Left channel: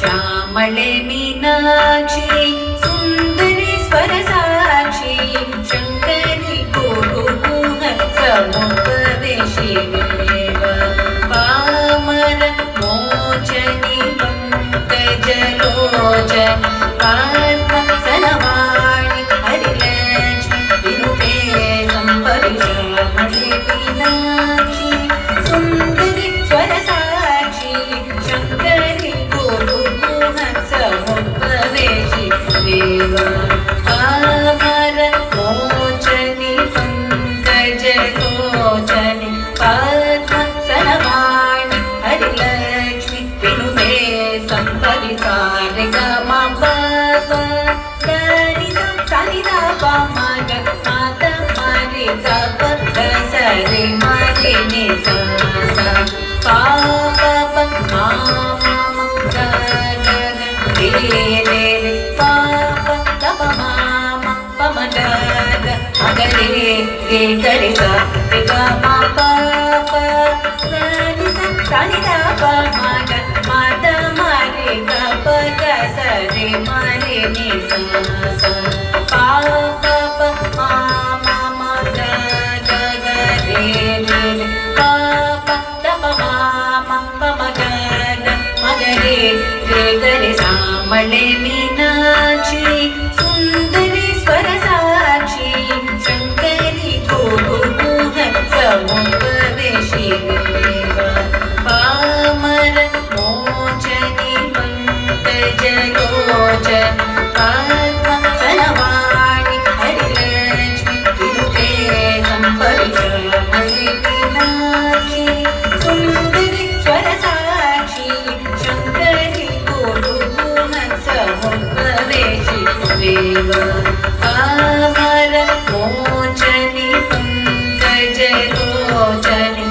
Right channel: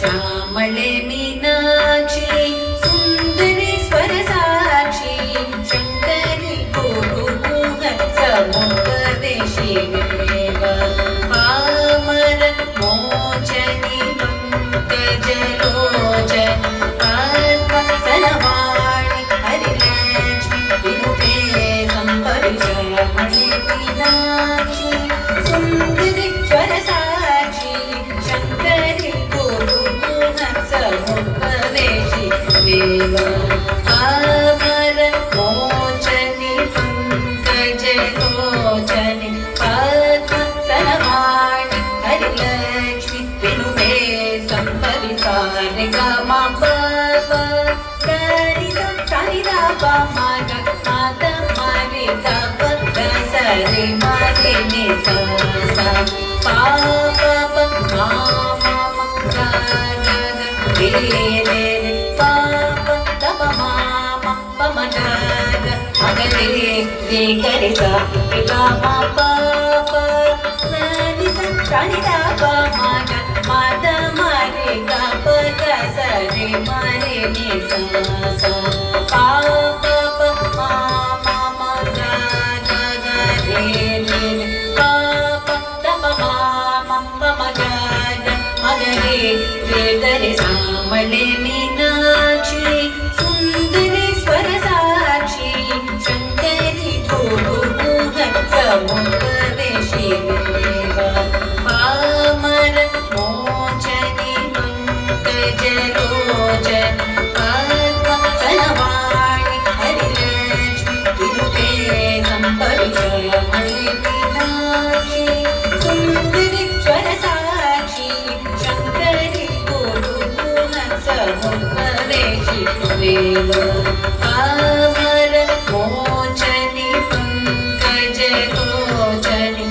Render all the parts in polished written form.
श्यामळे मीनाक्षी सुन्दरी स्वरसाक्षी शङ्करि गुरुगुण समुपदेशि देव पामर मोचनि पङ्कजलोचन पद्मसनवाणि हरिलक्ष्मि विनुते सम्परि श्यामळे मीनाक्षी सुन्दरि स्वरसाक्षी शङ्करि गुरुगुण समुपदेशि देव पामर मोचनि पङ्कजलोचनि पद्मसनवाणि हरिलक्ष्मि विनुते सम्परि सारिगमा पपा सरिसा सरिदा पमग मात मरि तप सरि मरि नि सा पा प प मा म ग ग रे रे रे पा प त प मा म प म ग ग म ग रे रे ग रे ग रे ग म प प सरि सा सरि दा प म ग म त म रे ग प ग सरि म रे नि सा सा पा प प मा म म ग ग ग रे रे रे पा प त प मा म प म ग ग म ग रे रे ग रे श्यामळे मीनाक्षी सुन्दरि स्वरसाक्षी शङ्करि गुरुगुण समुपदेशि देव पामर मोचनि पङ्कजलोचन पद्मसनवाणि हरिलक्ष्मि विनुते सम्परि श्यामळे मीनाक्षी सुन्दरि स्वरसाक्षी शङ्करि गुरुगुण समुपदेशि देव पामर मोचनि पङ्कजलोचनि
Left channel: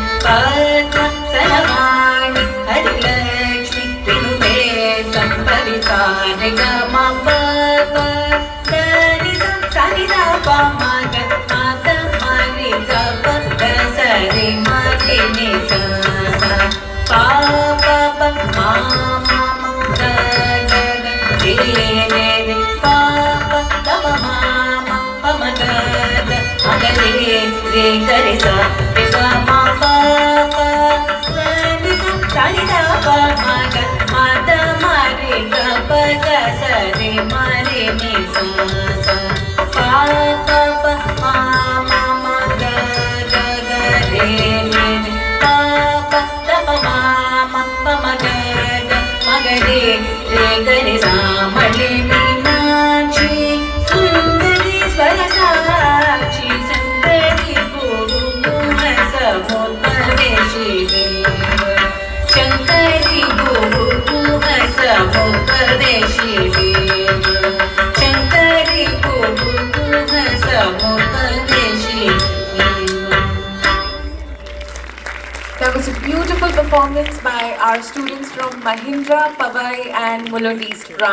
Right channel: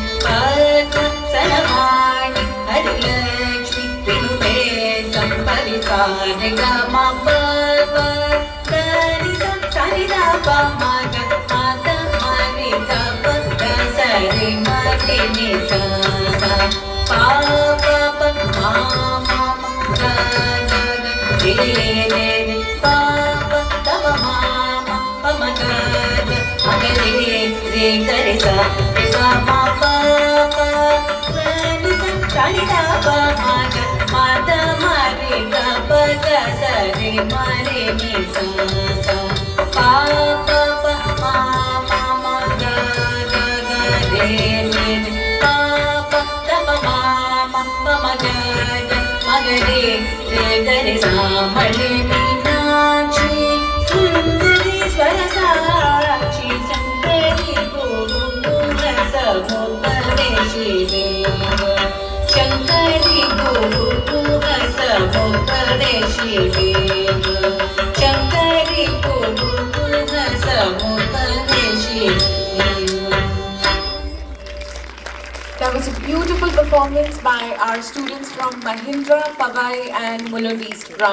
पद्मसनवाणि हरिलक्ष्मि विनुते सम्परि सारिगमा पपा सरिसा सरिदा प म ग म त म रे ग प ग सरि म रे नि सा सा पा प प मा म म ग ग ग रे रे रे पा प त प मा म प म ग ग म ग रे रे ग रे सा रे ग म प प सरि सा सरि दा प म ग म त म रे ग प ग सरि म रे नि सा सा पा प प मा म म ग ग ग रे रे रे पा प त प मा म प म ग ग म ग रे रे ग रे श्यामळे मीनाक्षी सुन्दरि स्वरसाक्षी शङ्करि गुरुगुण समुपदेशि देव शङ्करि गुरुगुण समुपदेशि देव शङ्करि गुरुगुण समुपदेशि देव. That was a beautiful performance by our students from Mahindra, Pavai and Mulund East branch.